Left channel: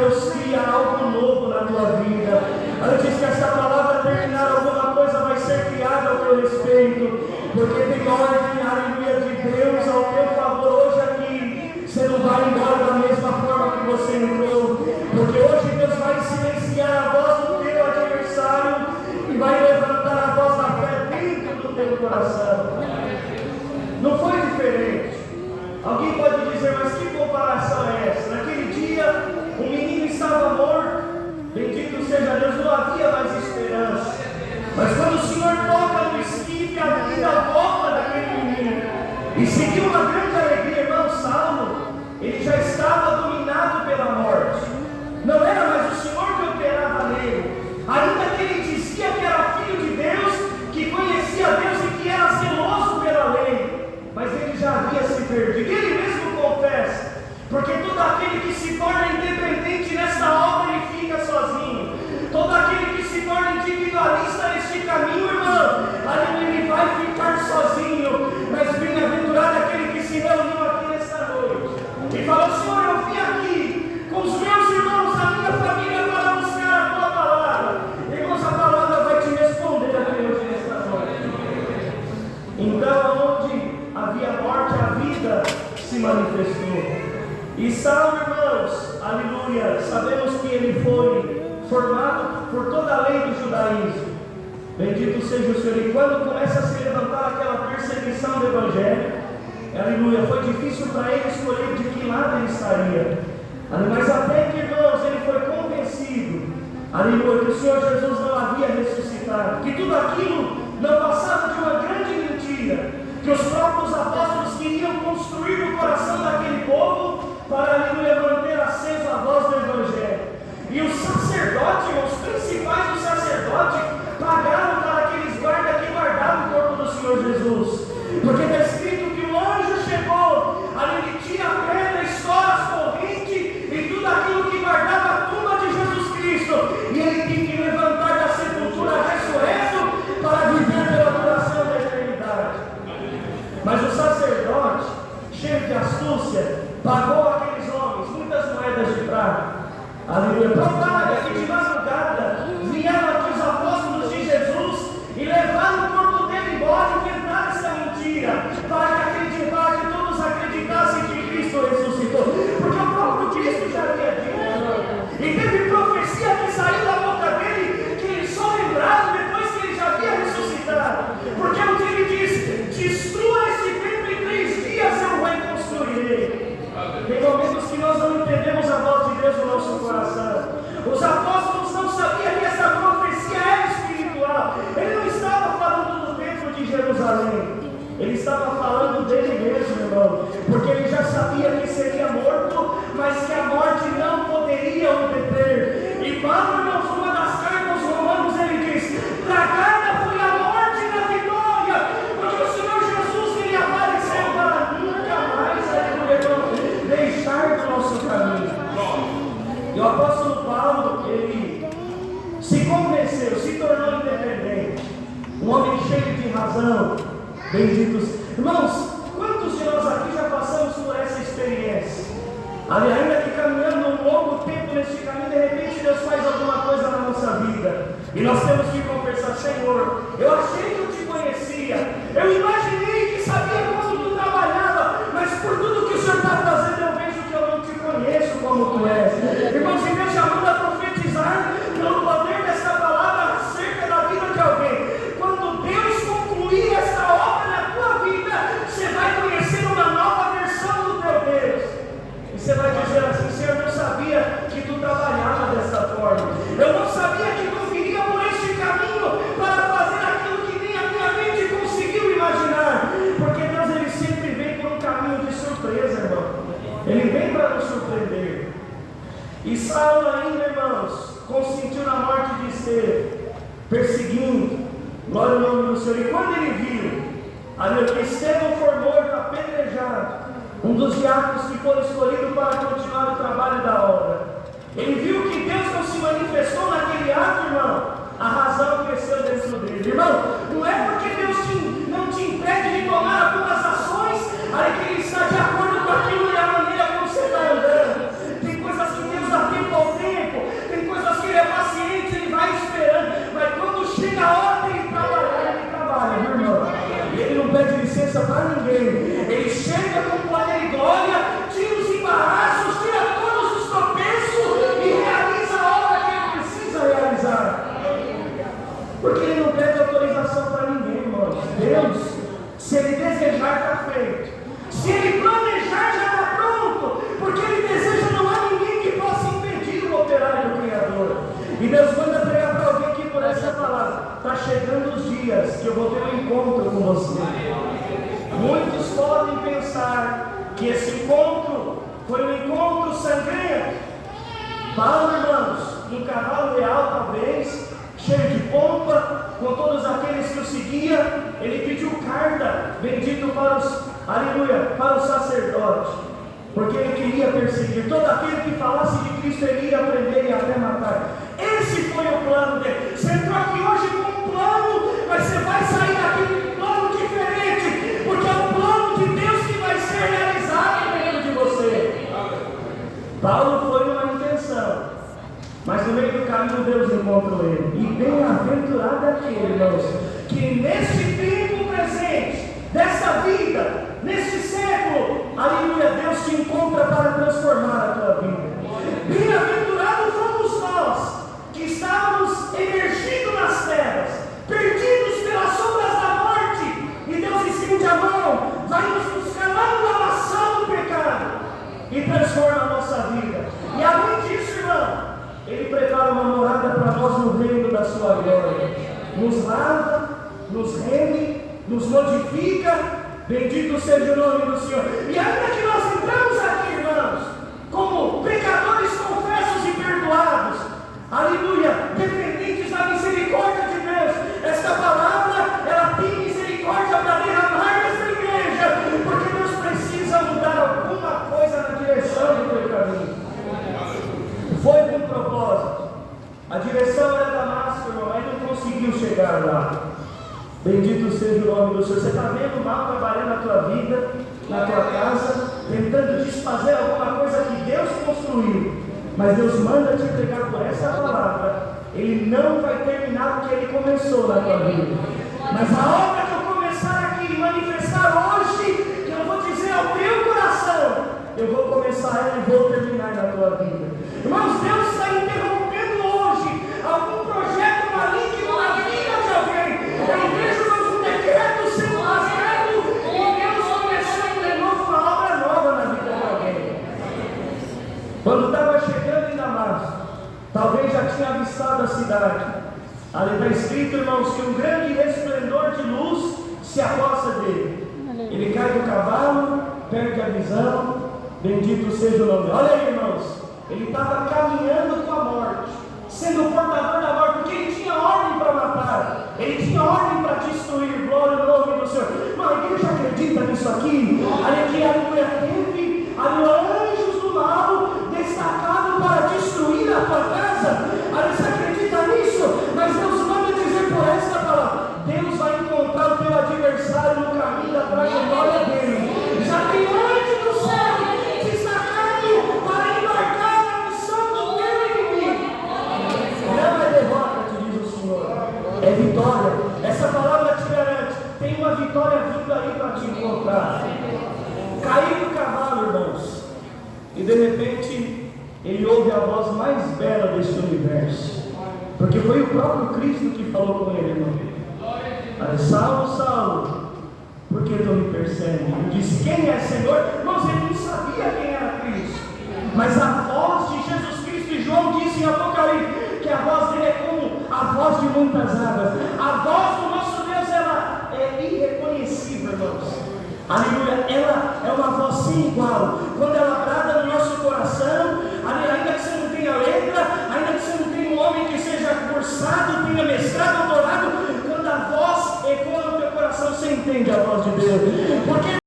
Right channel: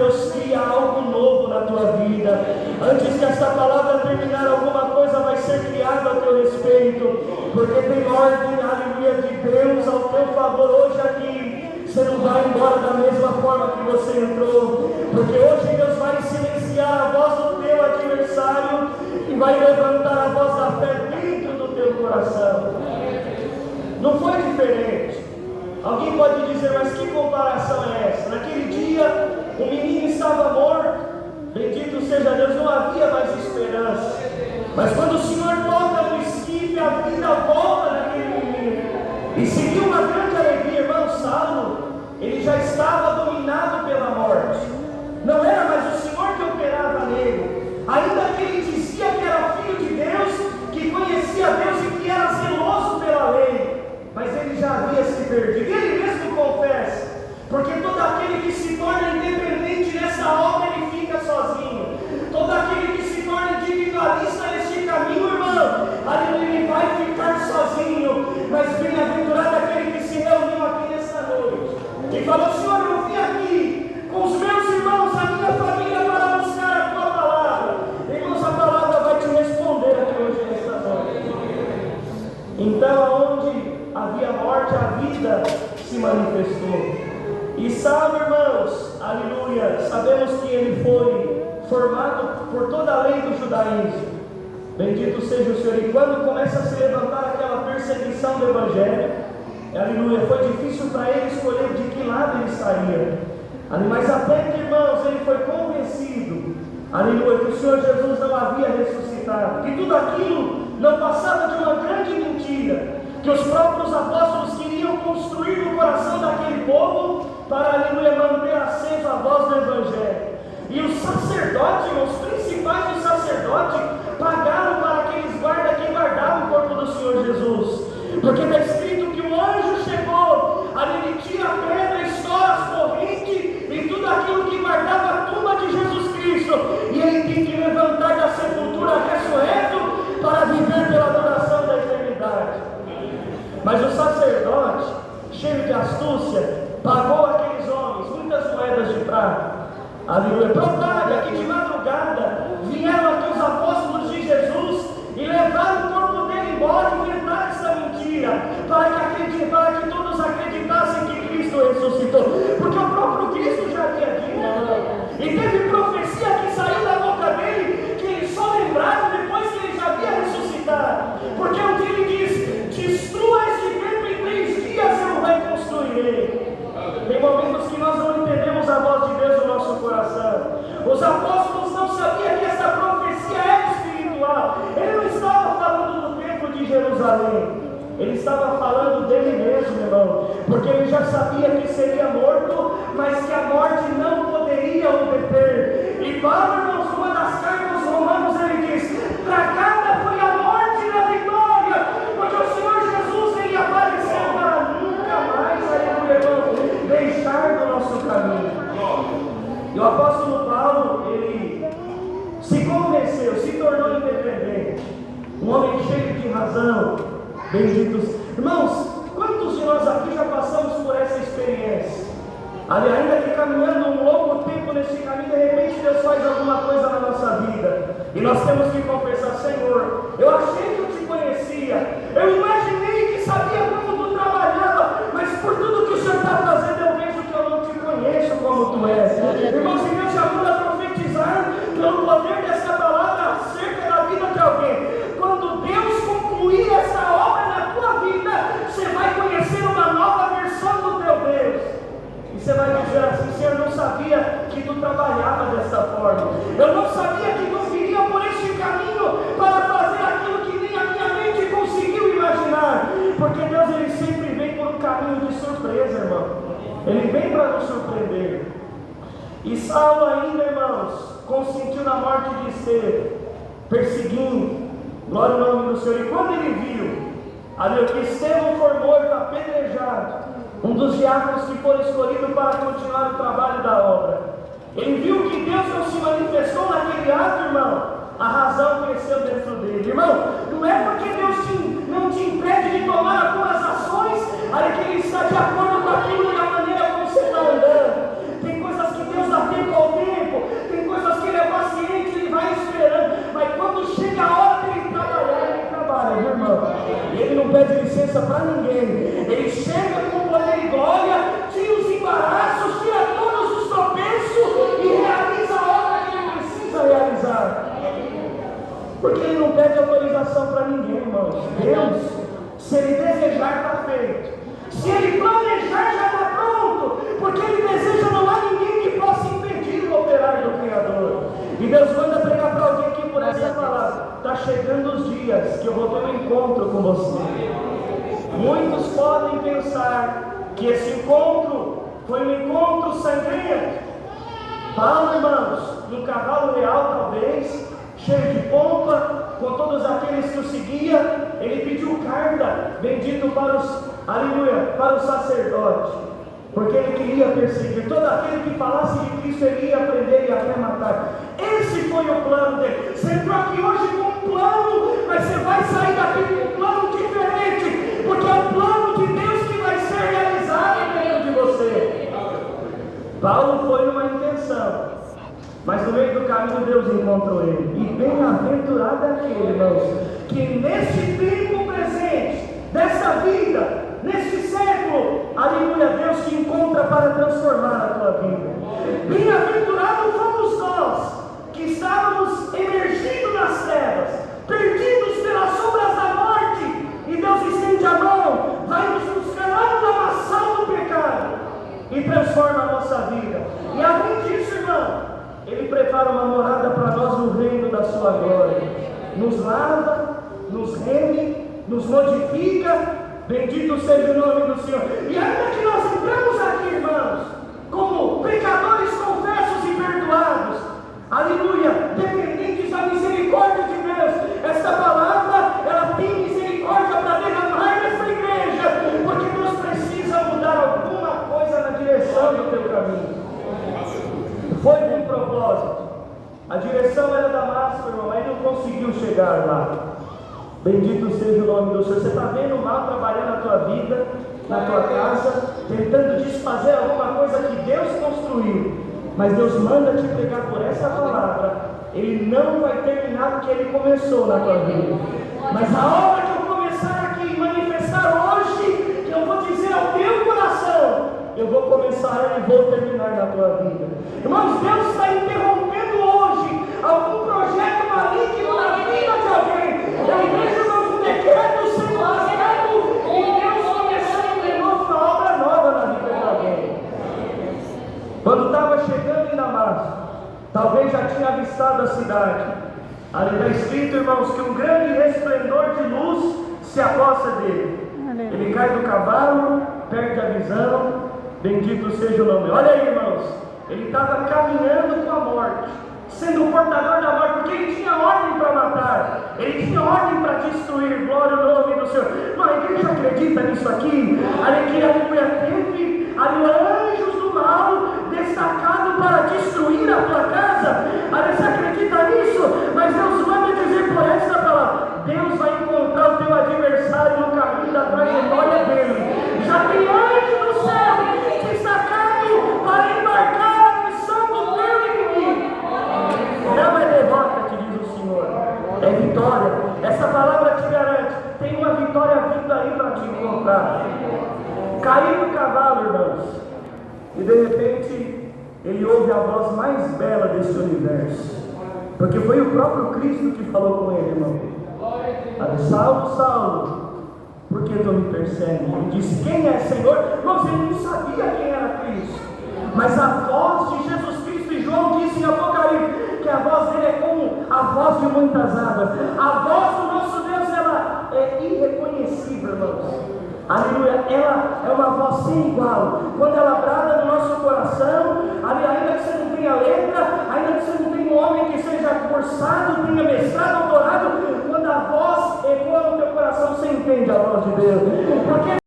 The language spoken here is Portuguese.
Deus cria algo novo na tua vida. Antes que essa palavra terminar, alguma coisa vai ser criada a teu respeito, porque tem ordem, aleluia, de Deus ao teu favor hoje aqui. Você não vai embora da mesma forma que você entrou, porque hoje Deus vai silenciar a voz do teu adversário e vai levantar a voz da fé dentro do teu coração. Não foi diferente. Alguém pode dizer, mas que comparação é essa? Naquele dia, o menino estava morto, bendito seja Deus, não havia mais esperança. Mas quando o Senhor toca no esquife, a vida volta daquele menino. E seguiu uma grande alegria, irmão. Saulo, ele já estava dominado pela morte. Não era mais o Senhor que operava nele. Ainda que ele dizia que era filho de Deus, que conhecia Deus e que era zeloso pela lei, mas ele já havia se perdido. Ele mesmo confessa, porque todo aquele que se torna independente nesta obra, ele fica sozinho. Todo aquele que se torna individualista neste caminho, irmão, ali ele vai ficar sozinho. Mas bem-aventurado aquele que se reuniu aqui nesta noite e falou: Senhor, eu vim aqui com os meus irmãos, a minha família, para buscar a tua palavra. Irmãos, a palavra vai te responder aqui hoje nesta noite. Então, onde havia morte, a vida se manifestou. E Saulo, irmãos, aleluia, sabemos que ele foi formado por toda a lei do judaísmo. Bendito seja o Senhor. E quando começa a se levantar aquela perseguição do Evangelho, aleluia, foi difícil para ele escolher de que lado ele estaria. Mas até que, irmãos, ele foi convencido, aleluia, que o Senhor Jesus não havia ressuscitado, que tudo aquilo não passava de uma grande mentira, que os próprios apóstolos queriam construir no coração daquele povo para, aleluia, manter acesa a voz do Evangelho. E os sacerdotes, os principais dos sacerdotes, pagaram para aqueles guardas que guardavam o corpo do Senhor Jesus, porque está escrito que o anjo chegou, ali ele tinha pedra, estoura, corrente e tudo aquilo que guardava a tumba de Jesus Cristo, e ele tem que levantar da sepultura ressurreto para viver pela duração da eternidade. Mas o sacerdote, cheio de astúcia, pagou aqueles homens muitas moedas de prata. Aleluia. Propaga que de madrugada vieram aqui os apóstolos de Jesus e levaram o corpo dele embora, inventaram essa mentira para que todos acreditassem que Cristo ressuscitou, porque o próprio Cristo já havia dito, e teve profecia que saiu da boca dele, que ele só lembrava depois que ele já havia ressuscitado, porque onde ele diz: destrua este templo, em 3 dias eu reconstruirei. Tem momentos que nós não entendemos a voz de Deus no nosso coração. Os apóstolos não sabiam que essa profecia era espiritual. Ele não estava falando do templo de Jerusalém, ele estava falando dele mesmo, irmão, porque ele já sabia que seria morto, mas que a morte não poderia o deter. E Paulo, irmãos, uma das cartas aos Romanos, ele diz: tragada foi a morte e a vitória, porque o Senhor Jesus, ele apareceu para nunca mais, aleluia, deixar do nosso caminho. E o apóstolo Paulo, ele se convenceu, se tornou independente, um homem cheio de razão. Benditos irmãos, quantos de nós aqui já passamos por essa experiência? Ainda que caminhando um longo tempo nesse caminho, de repente Deus faz alguma coisa na nossa vida e nós temos que confessar: Senhor, eu achei que eu te conhecia, eu imaginei que sabia como tu trabalhava, mas por tudo que o Senhor está fazendo, eu vejo que eu não te conheço como tu és. Irmãos, e Deus chamou a profetizar pelo poder dessa palavra acerca da vida de alguém. Quando Deus concluir essa obra na tua vida, você vai conhecer uma nova versão do teu Deus. E você vai dizer assim: Senhor, eu não sabia que tu trabalhava dessa forma. Eu não sabia que tu viria por este caminho para fazer aquilo que nem a minha mente conseguiu imaginar. Porque Deus, ele sempre vem por um caminho de surpresa, irmão. Ele vem para nos surpreender. E Saulo ainda, irmãos, consentiu na morte de Estevão, perseguindo, glória ao nome do Senhor. E quando ele viu ali que Estevão foi morto, apedrejado, um dos diáconos que foi escolhido para continuar o trabalho da obra, ele viu que Deus não se manifestou naquele ato, irmão. A razão cresceu dentro dele. Irmão, não é porque Deus não te impede de tomar algumas ações, aí que Ele está de acordo com aquilo e a maneira como você está andando. Tem coisas que Deus dá tempo ao dias que eu vou ter um encontro com você. Muitos podem pensar que esse encontro foi um encontro sangrento. Paulo, irmãos, num cavalo real talvez, cheio de pompa, com todos aqueles que o seguiam, ele pediu carta, bendito para os, aleluia, para o sacerdote, porque ele queria perseguir todo aquele que falasse de Cristo, ele ia prender e até matar. Esse foi o plano dele. Você entrou aqui hoje com um plano, mas você vai sair daqui com um plano diferente, porque é o plano de Deus que vai ser realizado dentro de você. Paulo foi numa intenção, mas no meio do caminho Deus encontrou ele. E bem-aventurado é aquele, irmãos, que neste tempo presente, desta vida, neste século, aleluia, Deus te encontra para transformar a tua vida. Bem-aventurados fomos nós, que estávamos emergindo nas terras, perdidos pelas sombras da morte, e Deus estende a mão, vai nos buscar lá no lamaçal do pecado, e transforma a nossa vida. E além disso, irmão, Ele prepara uma morada para nós no reino da sua glória. Nos lava, nos rende, nos modifica. Bendito seja o nome do Senhor. E ainda que nós entramos aqui, irmãos, como pecadores confessos e perdoados, aleluia, dependentes da misericórdia de Deus, esta palavra, ela tem misericórdia para derramar nessa igreja, porque Deus precisa mudar alguma coisa na direção do teu caminho. Foi com propósito. A direção era Damasco, irmão, mas não conseguiu chegar lá. Bendito seja o nome do Senhor. Você está vendo o mal trabalhando na tua vida, na tua casa, tentando desfazer alguma coisa que Deus construiu. Mas Deus manda te pregar por essa palavra. Ele não vai terminar porque Ele começou na tua vida. Mas a hora que eu começar aqui, manifestar hoje, que eu vou dizer ao teu coração, eu vou começar e vou terminar na tua vida. Irmãos, Deus está interrompendo hoje algum projeto maligno na vida de alguém. Eu vejo, irmãos, um decreto sendo rasgado e Deus começando de novo uma obra nova na vida de alguém. Quando estava chegando em Damasco, talvez já tinha avistado a cidade. Ali está escrito, irmãos, que um grande resplendor de luz se aposta dele. Ele cai do cavalo, perde a visão. Bendito seja o nome. Olha aí, irmãos, ele estava caminhando com a morte, sendo o portador da morte, porque ele tinha ordem para matar, ele tinha ordem para destruir. Glória ao nome do Senhor. Mas a igreja acredita nisso aqui? Aleluia, teve anjos do mal destacados para destruir a tua casa. Você acredita nisso? Mas Deus manda dizer por essa palavra: Deus vai encontrar o teu adversário no caminho da trajetória dele. Já tem anjo do céu para embarcar a missão do teu inimigo. Não é derrota, te diz o Senhor, é vitória. Essa palavra te garante, tem uma vitória vindo aí para te encontrar. Caiu do cavalo, irmãos, e de repente ele ouve a voz mais bela deste universo, porque foi o próprio Cristo que falou com ele, irmão. Saulo, Saulo, por que tu me persegue? Ele disse: quem é, Senhor? Irmãos, ele não sabia quem era Cristo, mas a voz de Jesus Cristo, e João disse em Apocalipse que a voz dele é como a voz de muitas águas. A voz do nosso Deus, ela é irreconhecível, irmãos. Aleluia, ela é uma voz sem igual. Quando ela brada no nosso coração, ainda que você não tenha letra, ainda que você não tenha um homem que seja cursado, tenha mestrado, doutorado, quando a voz ecoa no teu coração, você entende a voz de Deus. Porque